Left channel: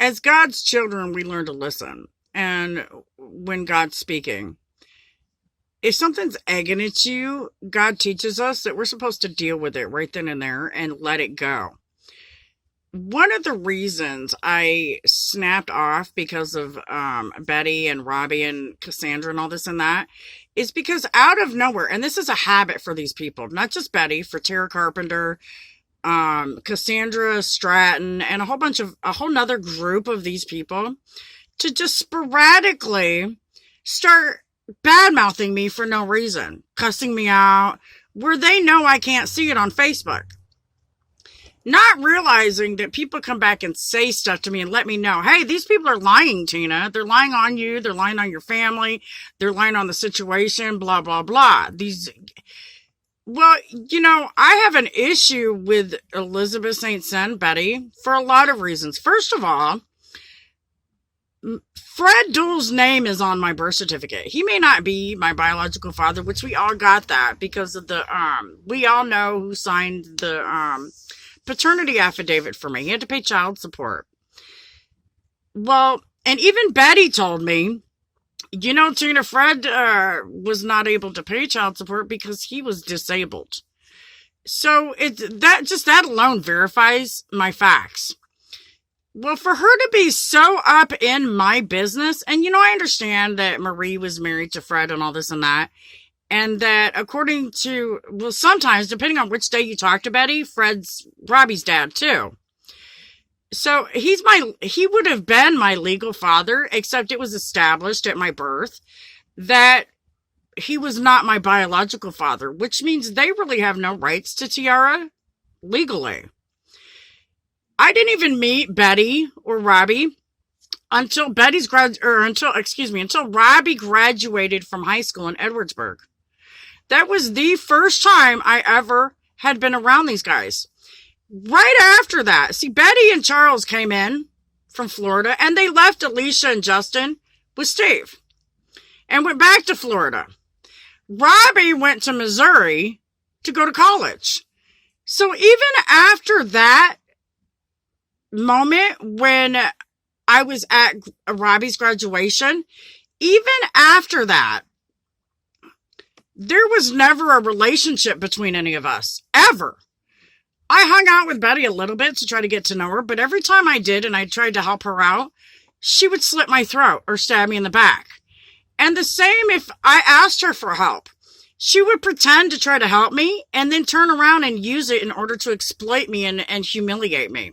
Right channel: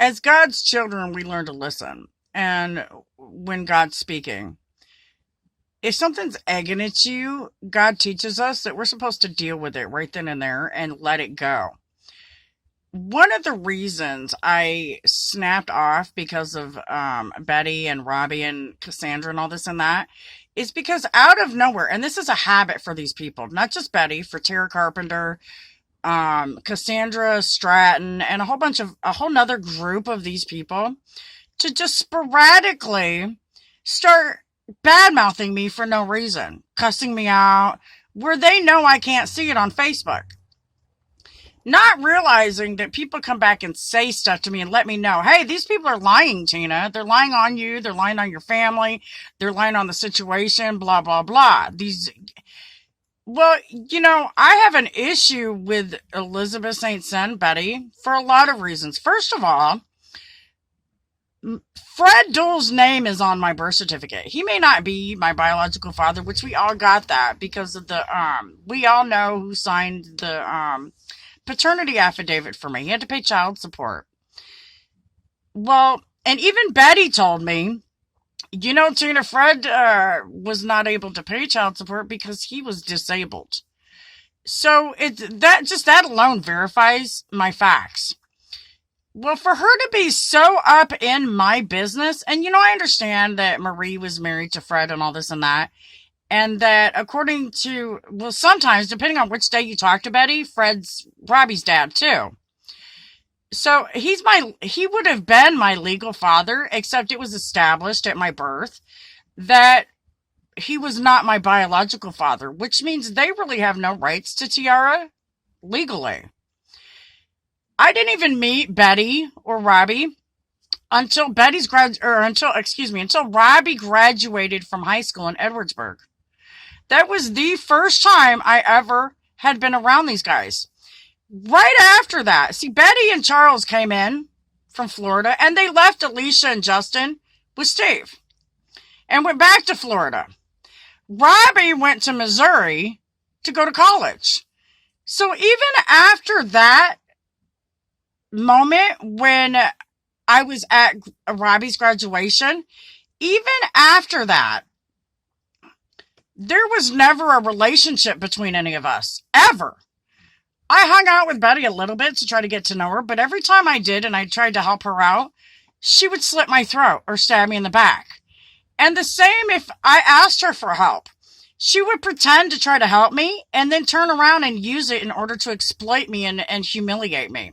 As God's children, we learn to listen. And when God's speaking, if something's egging at you, God teaches us that we're supposed to deal with it right then and there and let it go. One of the reasons I snapped off because of Betty and Robbie and Cassandra and all this and that is because out of nowhere, and this is a habit for these people, not just Betty, for Tara Carpenter, Cassandra Stratton, and a whole nother group of these people to just sporadically start bad mouthing me for no reason, cussing me out, where they know I can't see it on Facebook. Not realizing that people come back and say stuff to me and let me know, hey, these people are lying, Tina. They're lying on you. They're lying on your family. They're lying on the situation, blah, blah, blah. Well, I have an issue with Elizabeth St. John Betty for a lot of reasons. First of all, Fred Duell's name is on my birth certificate. He may not be my biological father, which we all got that because of we all know who signed the, paternity affidavit for me. He had to pay child support. Well, and even Betty told me, Tina, Fred was not able to pay child support because he was disabled. So that alone verifies my facts. Well, for her to be so up in my business, and I understand that Marie was married to Fred and all this and that, and that according to, well, sometimes, depending on which day you talk to Betty, Fred's Robbie's dad too. So he would have been my legal father, except it was established at my birth that he was not my biological father, which means they really have no rights to Tiara legally. I didn't even meet Betty or Robbie until until Robbie graduated from high school in Edwardsburg. That was the first time I ever had been around these guys. Right after that, see, Betty and Charles came in from Florida, and they left Alicia and Justin with Steve and went back to Florida. Robbie went to Missouri to go to college. So even after that moment when I was at Robbie's graduation, even after that, there was never a relationship between any of us, ever. I hung out with Betty a little bit to try to get to know her, but every time I did and I tried to help her out, she would slit my throat or stab me in the back. And the same if I asked her for help. She would pretend to try to help me and then turn around and use it in order to exploit me and humiliate me.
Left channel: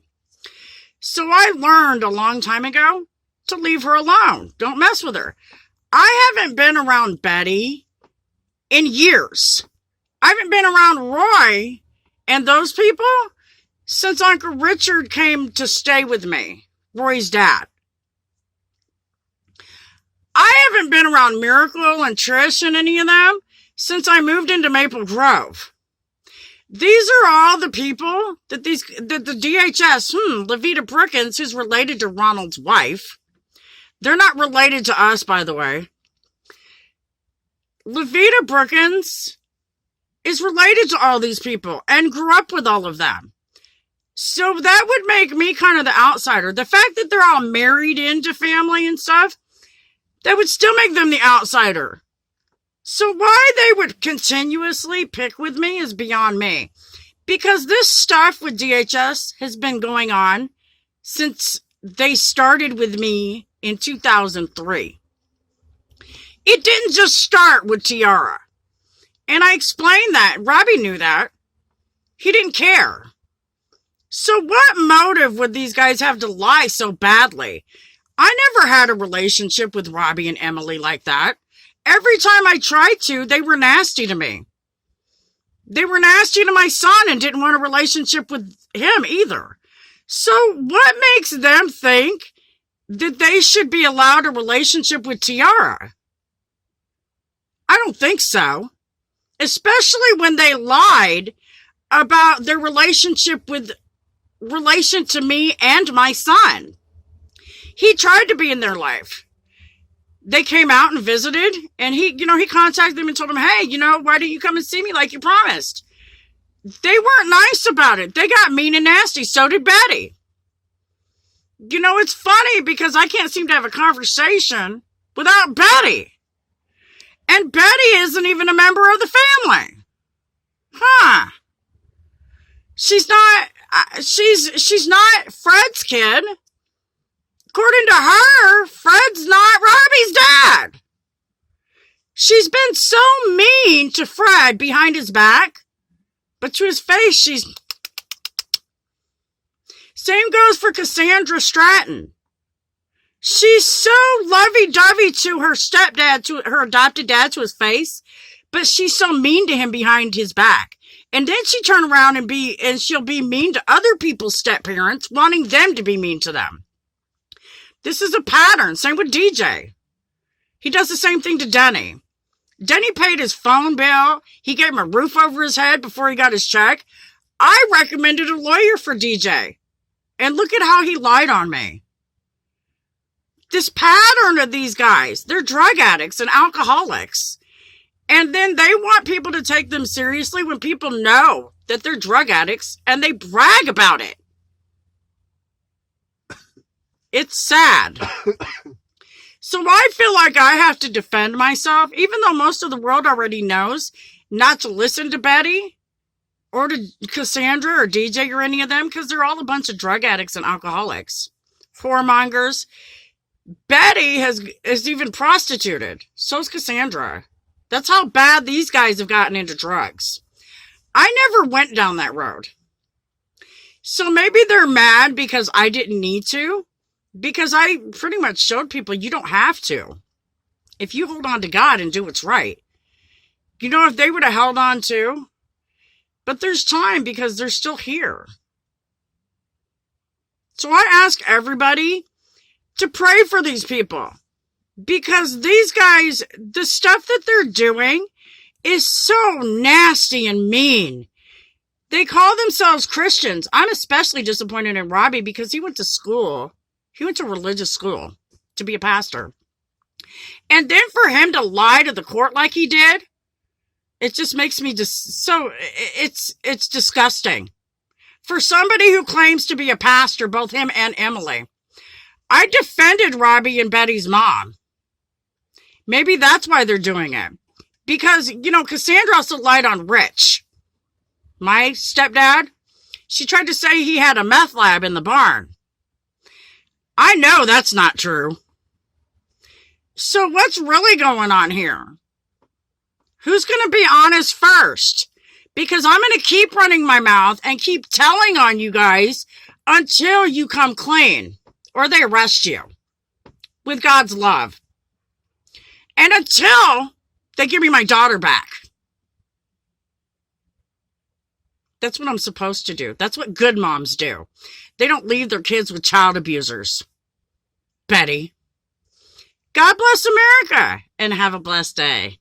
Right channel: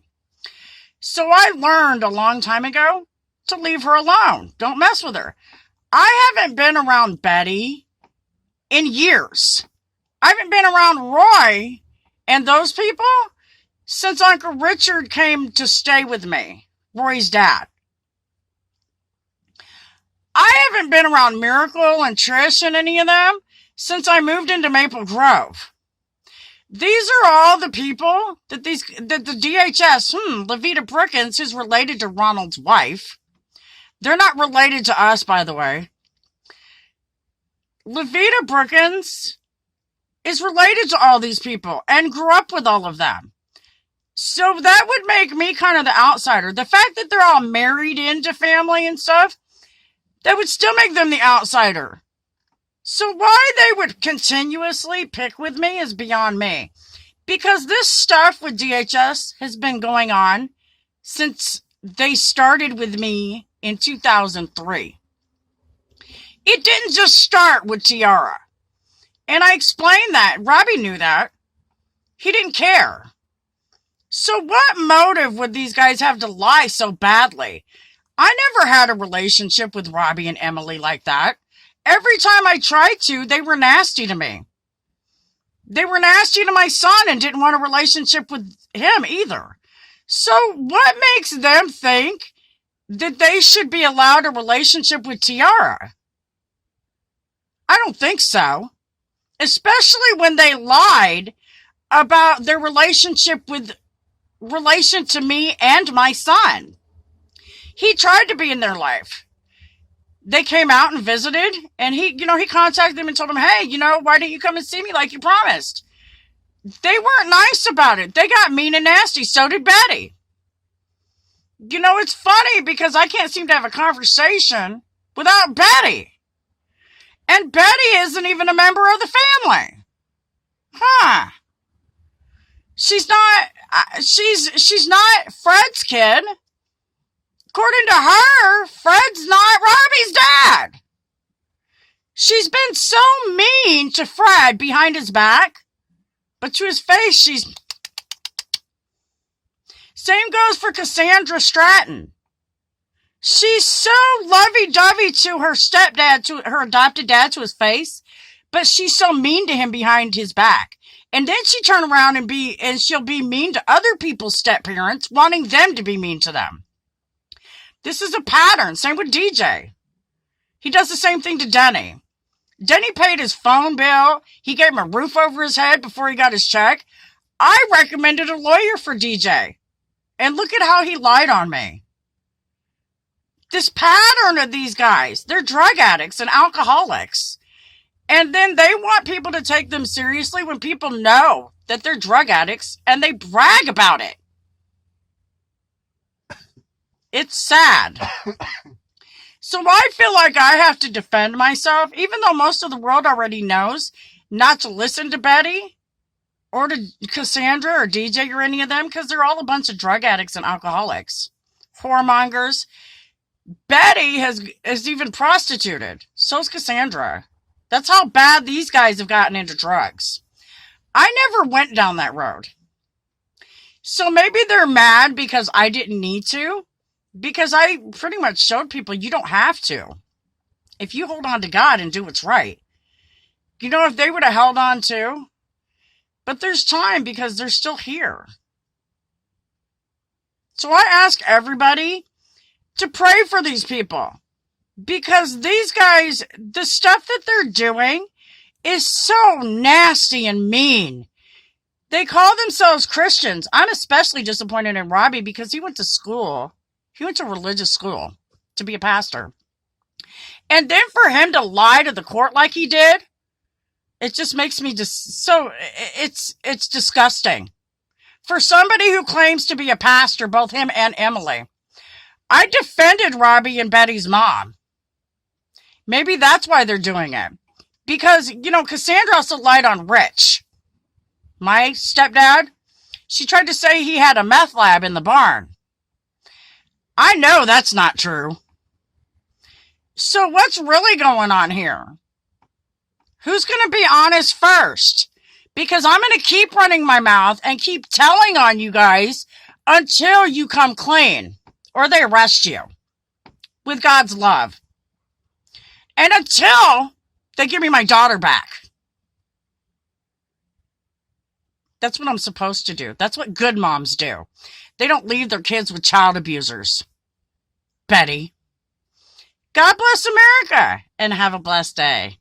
So I learned a long time ago to leave her alone. Don't mess with her. I haven't been around Betty in years. I haven't been around Roy and those people since Uncle Richard came to stay with me, Roy's dad. I haven't been around Miracle and Trish and any of them since I moved into Maple Grove. These are all the people that the DHS, Levita Brookins, who's related to Ronald's wife. They're not related to us, by the way. Levita Brookins is related to all these people and grew up with all of them. So that would make me kind of the outsider. The fact that they're all married into family and stuff, that would still make them the outsider. So why they would continuously pick with me is beyond me. Because this stuff with DHS has been going on since they started with me in 2003. It didn't just start with Tiara. And I explained that. Robbie knew that. He didn't care. So what motive would these guys have to lie so badly? I never had a relationship with Robbie and Emily like that. Every time I tried to, they were nasty to me. They were nasty to my son and didn't want a relationship with him either. So what makes them think that they should be allowed a relationship with Tiara? I don't think so. Especially when they lied about their relationship with relation to me and my son. He tried to be in their life. They came out and visited, and he contacted them and told them, hey, why don't you come and see me like you promised? They weren't nice about it. They got mean and nasty. So did Betty. You know, it's funny because I can't seem to have a conversation without Betty. And Betty isn't even a member of the family. Huh. She's not Fred's kid. According to her, Fred's not Robbie's dad. She's been so mean to Fred behind his back, but to his face, she's... Same goes for Cassandra Stratton. She's so lovey-dovey to her stepdad, to her adopted dad, to his face, but she's so mean to him behind his back. And then she turn around and she'll be mean to other people's step-parents, wanting them to be mean to them. This is a pattern. Same with DJ. He does the same thing to Denny. Denny paid his phone bill. He gave him a roof over his head before he got his check. I recommended a lawyer for DJ. And look at how he lied on me. This pattern of these guys, they're drug addicts and alcoholics. And then they want people to take them seriously when people know that they're drug addicts and they brag about it. It's sad. So I feel like I have to defend myself, even though most of the world already knows not to listen to Betty or to Cassandra or DJ or any of them, because they're all a bunch of drug addicts and alcoholics. Whoremongers. Betty is even prostituted. So's Cassandra. That's how bad these guys have gotten into drugs. I never went down that road. So maybe they're mad because I didn't need to. Because I pretty much showed people you don't have to. If you hold on to God and do what's right. You know, if they would have held on to. But there's time because they're still here. So I ask everybody to pray for these people. Because these guys, the stuff that they're doing is so nasty and mean. They call themselves Christians. I'm especially disappointed in Robbie because he went to school. He went to religious school to be a pastor. And then for him to lie to the court like he did, it just makes me just so, it's disgusting. For somebody who claims to be a pastor, both him and Emily, I defended Robbie and Betty's mom. Maybe that's why they're doing it. Because, you know, Cassandra also lied on Rich. My stepdad, she tried to say he had a meth lab in the barn. I know that's not true. So what's really going on here? Who's going to be honest first? Because I'm going to keep running my mouth and keep telling on you guys until you come clean or they arrest you with God's love. And until they give me my daughter back. That's what I'm supposed to do. That's what good moms do. They don't leave their kids with child abusers. Betty. God bless America and have a blessed day.